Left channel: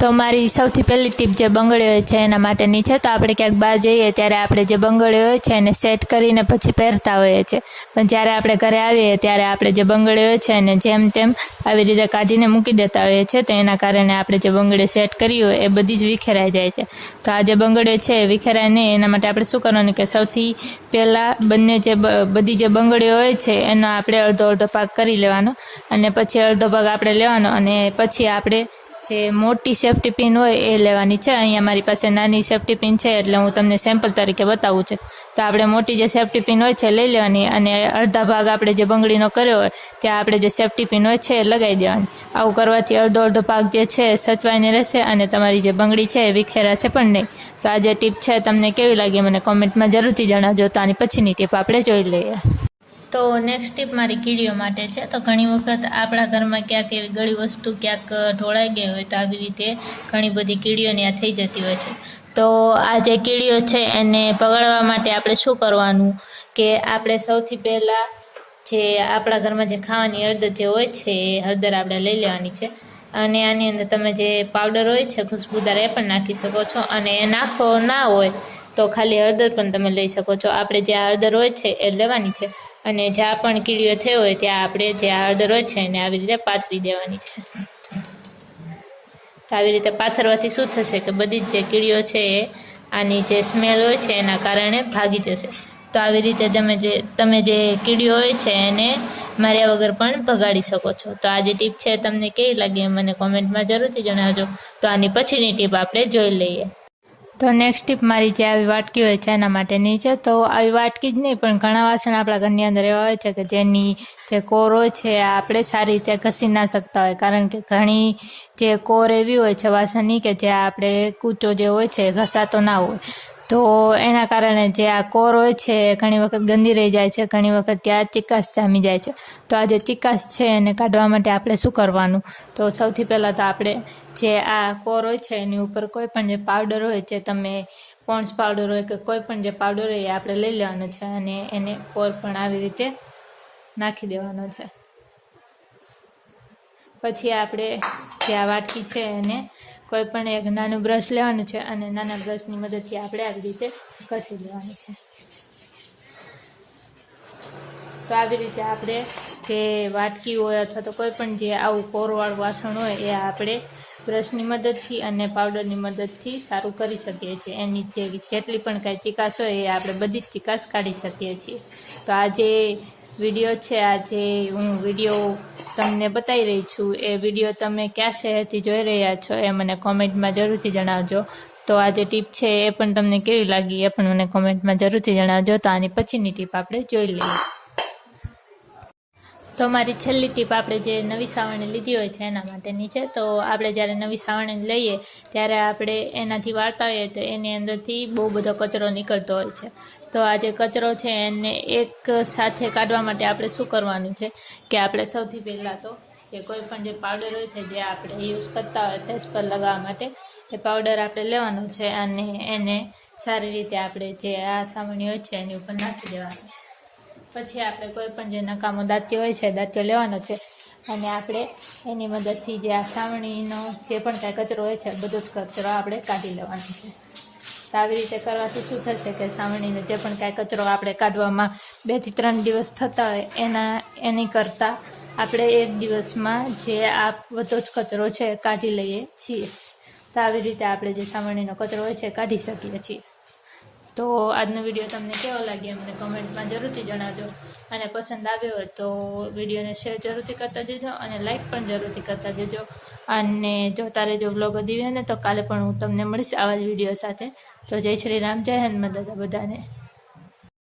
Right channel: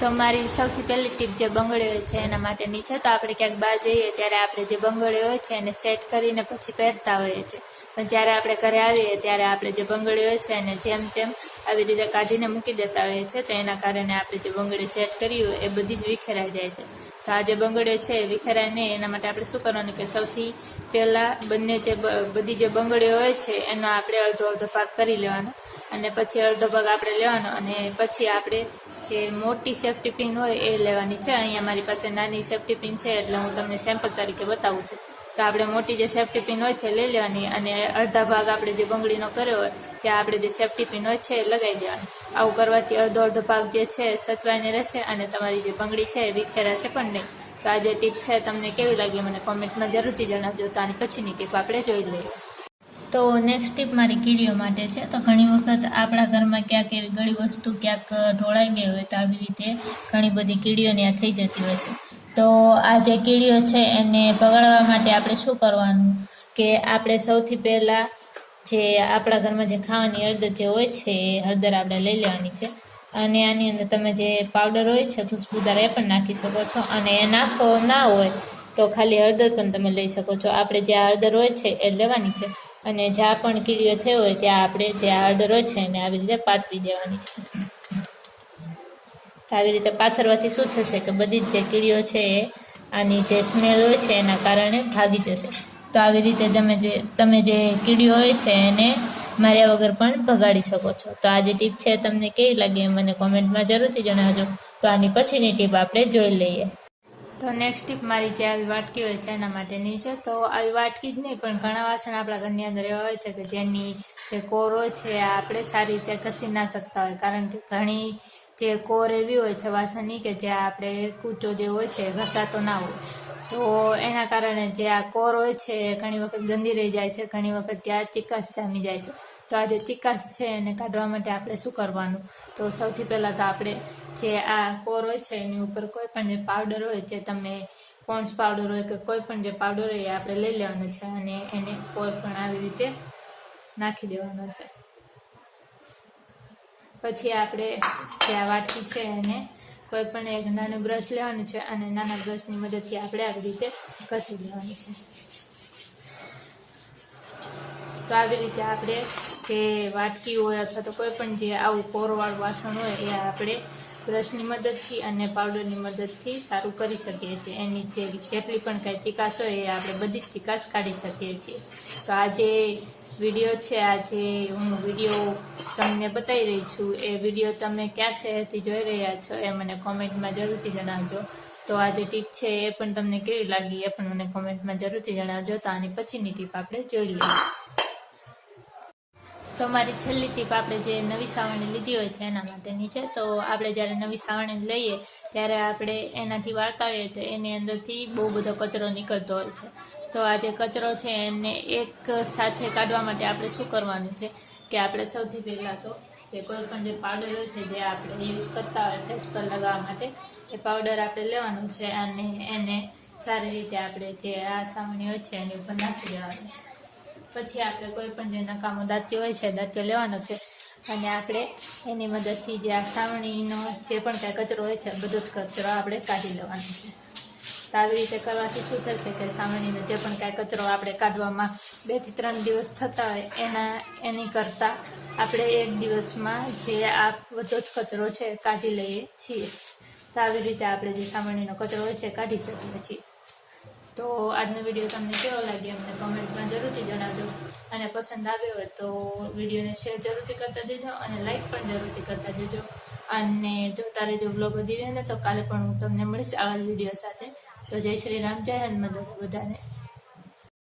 તો મારી સૌથી પહેલી ટીપ જે બંગડી હોય છે એના માટેની છે. તો આપણે ક્યાંક બહાર જઈએ ત્યારે આપણે જે બંગડી હોય છે એને સેટ કરીને પછી પહેરતા હોઈએ છીએ, પણ જ્યારે આપણે ઘરે આવીએ ત્યારે આપણે જે બંગડી હોય છે એને જેમ તેમ આવી રીતે કાઢીને મૂકી દેતા હોઈએ છીએ. તો એના કારણે આપણે જે બંગડી સેટ કરી હોય એ બધી જ વિખેરાઈ જાય છે. તો આ જે બંગડીઓ છે એ વિખેરાય નહીં એના માટે આપણે શું કરવાનું કે સૌથી પહેલાં બધી જે બંગડીઓ હોય છે એનો આપણે અડધો અડધો ભાગ કરી લેવાનો, અને પછી અડધો ભાગ આપણે લેવાનો, અને પછી આપણે જે મોટી સેફ્ટી પિન હોય એ લેવાની છે. અહીંયા મારી પાસે નાની સેફ્ટી પિન છે એટલે હું તમને સેમ્પલ તરીકે બતાવું છું. તો આપણે મોટી જે સેફ્ટી પિન હોય છે લઈ લેવાની, અને અડધા ભાગ આપણે જે બંગડીનો કર્યો હોય ત્યાં આપણે જે સેફ્ટી પિન હોય છે એ લગાવી દેવાની. આવું કરવાથી અડધો અડધો ભાગ જે છે એ સચવાઈને રહેશે અને તમારી જે બંગડી છે એ વિખેરાશે પણ નહીં. તો આ જે ટીપ છે તમને કેવી લાગી મને કોમેન્ટમાં જરૂરથી જણાવજો. તો આની પછીની ટીપ આપણે જોઈ લઈએ. તો નેક્સ્ટ ટીપ મારી કીડીઓ માટે છે. તો ઘણી વખત આપણા ઘરમાં ક્યાંક એવી ગળી વસ્તુ ક્યાંક ઢોળાઈ ગઈ હોય તો આવી રીતે ઘણી બધી કીડીઓ ત્યાં થઈ જતી હોય છે. તો આ જે કીડીઓ છે એને ભગાડવા માટે આપણે શું કરવાનું કે આપણે સૌથી પહેલાં જે આપણા ઘરમાં જે ખાવાની હળદર જે હોય છે એ હળદર આપણે લઈ લેવાની છે, અને આની અંદર તમે જે પાવડર હોય છે ખુશ્બુદાર એ પણ નાખી શકો છો, અને એ નાખો ના હોય તો ખાલી હળદર પણ તમે લઈ શકો છો. આપણે જે આ હળદર હોય છે એ લેવાની છે, અને જ્યાં પણ કીડીઓ થઈ હોય ત્યાં આપણે જે હળદર હોય છે એને આવી રીતે પાથરી દેવાની છે. તો આવી રીતે પાથરવાથી શું થશે કે બધી જ જે કીડીઓ છે એ આની જે સ્મેલ હોય છે એના કારણે ભાગી જશે. તો આવી રીતે તમે જે કીડીઓ હોય છે એને માર્યા વગર પણ ભગાડી શકો છો. તો આ જે ટીપ છે તમને કેવી લાગી મને કોમેન્ટમાં જરૂરથી જણાવજો. તો આની પછીની ટીપ આપણે જોઈ લઈએ. તો નેક્સ્ટ ટીપ મારી જે આવી વાટકી હોય છે એના માટેની છે. તો આવી વાટકી જ નહીં પણ ઘણા વાસણ આપણા ઘરની અંદર એવા હોય છે કે જેની જે કોર હોય છે આપણે સારી રીતે ઘસી ના શકતા હોય, કારણ કે ઘણી જે કોર એવી હોય છે વાસણની કે જે આપણે કૂચો જે હોય છે ઘસાતો ના હોય. તો એના કારણે જે આ કોર હોય છે ઘણી વખત ગંદી રહી જાય છે, ઘણી વખત ત્યાં ચિકાસ જામી જાય છે. તો આ જે ચિકાસ છે એને કાઢવા માટે આપણે શું કરવાનું, તો સૌથી પહેલાં તો આપણે જે આ કોર હોય છે એની ઉપર કોઈ પણ જે પાવડર હોય જે તમે પોન્ડ્સ પાવડર હોય કે કોઈ પણ જે પાવડર હોય એ આપણે લઈ લેવાનો છે, અને એને કોર પણ આવી રીતે નાખી દેવાનો છે. પછી આપણે જે આ વાટકી છે એને કોઈ પણ એક નાનું બ્રશ લેવાનું છે, અને નાના બ્રશની મદદથી આપણે આવી રીતે ઘસી લેવાનું છે. તો આવી રીતે આપણે જે વાટકી હોય અથવા તો કોઈ પણ જે આવું કોરવાળું વાસણ હોય એ આપણે બ્રશની મદદથી અને પાવડરની મદદથી સારું કરી શકીએ છીએ. એની જેટલી પણ કાંઈ ચિકાસ હોય એ આપણે બધી જ ચિકાસ કાઢી શકીએ છીએ. તો આ જે વિડીયો છે, આ જે હું વિડીયો તમને બતાવી રહી છું એ વિડીયો તમે કયા શહેરથી જોઈ રહ્યા છો એ મને કોમેન્ટમાં જરૂરથી જણાવજો. તો આ જે ટીપ છે એ પણ તમને કેવી લાગી એ પણ મને કોમેન્ટમાં જરૂરથી જણાવજો. તો આની પછીની ટીપ આપણે જોઈ લઈએ. તો મારી છેલ્લી ટીપ આપણે જે નવી સાવરણી લીધી હોય છે એના માટેની છે. તો આપણે જ્યારે નવી સાવરણી લઈએ ત્યારે આપણે એનાથી વાળતા હોઈએ તો એની અંદરથી બહુ બધો કચરો નીકળતો હોય છે. તો આ જે કચરો છે એને એક સાથે કાઢવા માટે આપણે શું કરવાનું છે કે આપણે સૌથી પહેલાં તો જે કોઈ પણ જે પાવડર હોય છે જે આપણે યુઝ કરતા હોય ફેસ પર લગાવવા માટે એ પાવડર આપણે લેવાનું છે, અને એને સારી રીતે આપણે જે આ સાવરણી હોય છે એની ઉપર નાખી દેવાનું છે. પછી આપણે કોઈ પણ જે નકામો દાંત્યો હોય છે દાંત્યો લેવાનો છે, અને આપણે એની મદદથી જે આ સાવરણીનો જે પણ કાંઈ કચરો હોય છે બધો જ કચરો આપણે કાઢી લેવાનો છે. તો આવી રીતે કરવાથી શું થશે કે સાવરણીનો જે પણ કાંઈ કચરો આપણે કાઢવામાં 2 થી 3 દિવસ થતા હોય એની કરતાં આપણે 1 દિવસમાં જે આ બધો જ કચરો છે કાઢી લઈએ છીએ. તો આવી રીતે આપણે જે સાવરણીનો કચરો હોય છે કાઢી શકીએ છીએ. તો આજનો વિડીયો તમને કેવો લાગ્યો અમને કોમેન્ટમાં જરૂરથી જણાવજો, અને પસંદ આવ્યો હોય તો વિડીયોને શેર જરૂરથી કરતા જજો અને લાઈક પણ જરૂરથી કરતા જજો. અને જોતા રહેજો વ્લોગ દીવે ને. તો કાલે પણ હું તમને મળીશ આવા જ વિડીયો સાથે. તો જય શ્રી રામ, જય હનુમાન દાદા બધાને.